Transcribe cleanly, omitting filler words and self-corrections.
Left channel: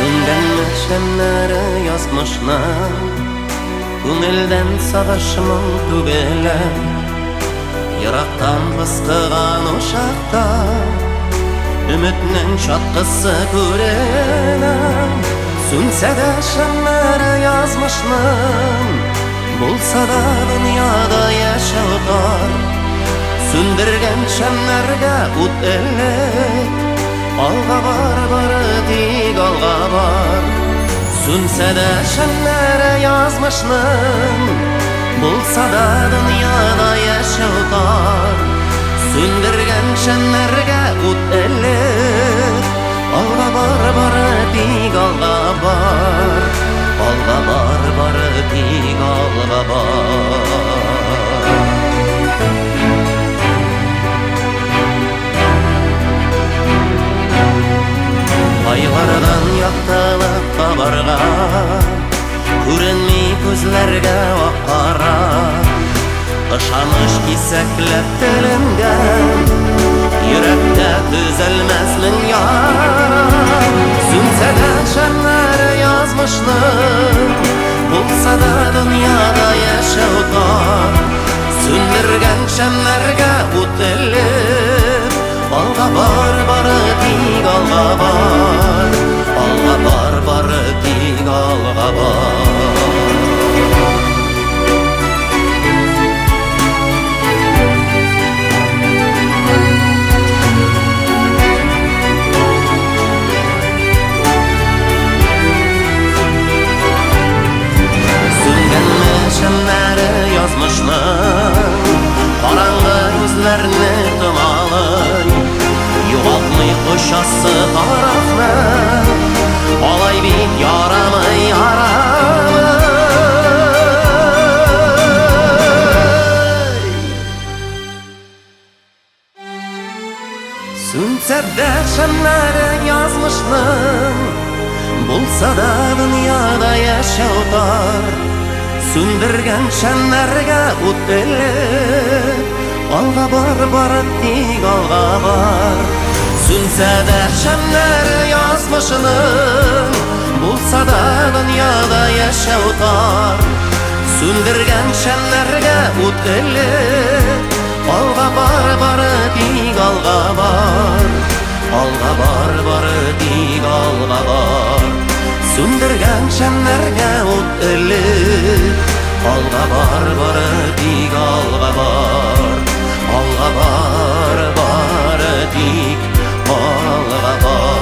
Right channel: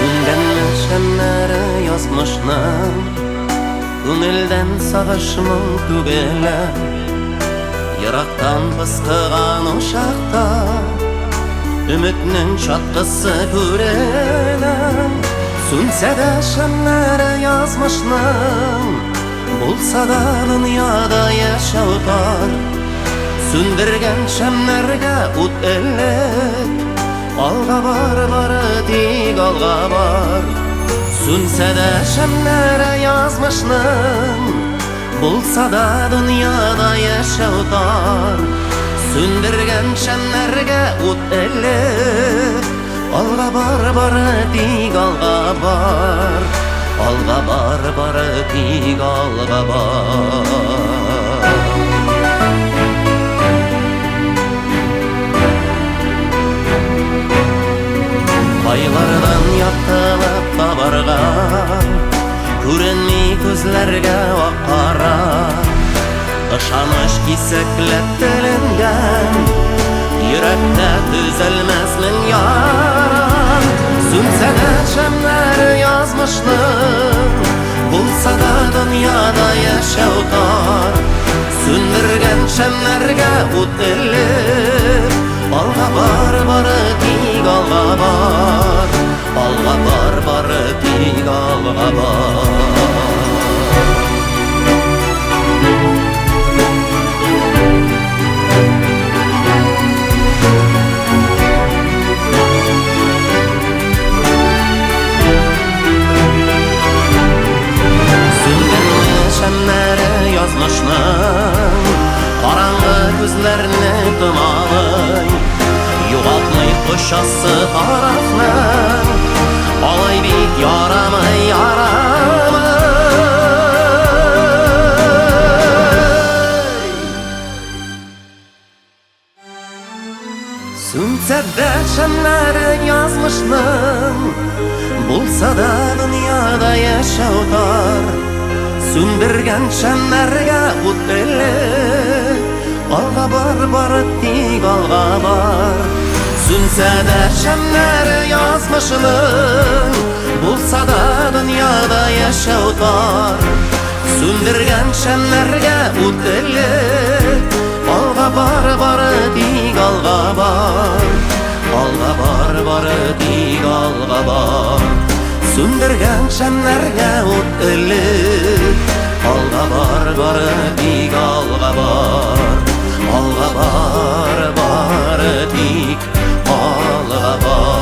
Söngenme şemleri yazmışnam, Күңелден сағышмың түгелі, Йырақтан пысқыған ошақта, Үмітнің шатқысы көренім. Сүнсе де шемлері yazmışnам, Болса да дүнияда яшау тар. Сүндірген шемлерге ут элек, Алға бары тик алға бар. Сүнсе де шемлері yazmışnам, Болса да дүнияда яшау тар. Сүндірген шемлерге ут элек, Алға бары тик алға бар. Алға бары тик алға бар. Айлардан яктылып табарға, Күренмей көзләргә ак-кара, Ышаныш кисәкләп теленгән, Йөрәктә төзәлмәс мең яра. Сүнсә дә шәмләре yazmışnам, Булса да дөньяда яшәү тар. Сүндергән шәмләргә ут элеп, Алға бары тик алға бар. Алға бары тик алға бар. Сүнгәнме шәмләре yazmışnам, Караңгы күзләрне томалый, Югалтмый кошасы тарафны, Алай бит ярамый, ярамый. Сүнсә дә шәмләре yazmışnам, Булса да дөньяда яшәү тар. Сүндергән шәмләргә ут элек, Алға бары тик алға бар. Сүнсә дә шәмләре yazmışnам, Булса да дөньяда яшәү тар. Сүндергән шәмләргә ут элек, Алға бары тик алға бар. Алға бары тик алға бар. Сүндергән шәмләргә ут элек, Алға бары тик алға бар. Алға бары тик алға бар.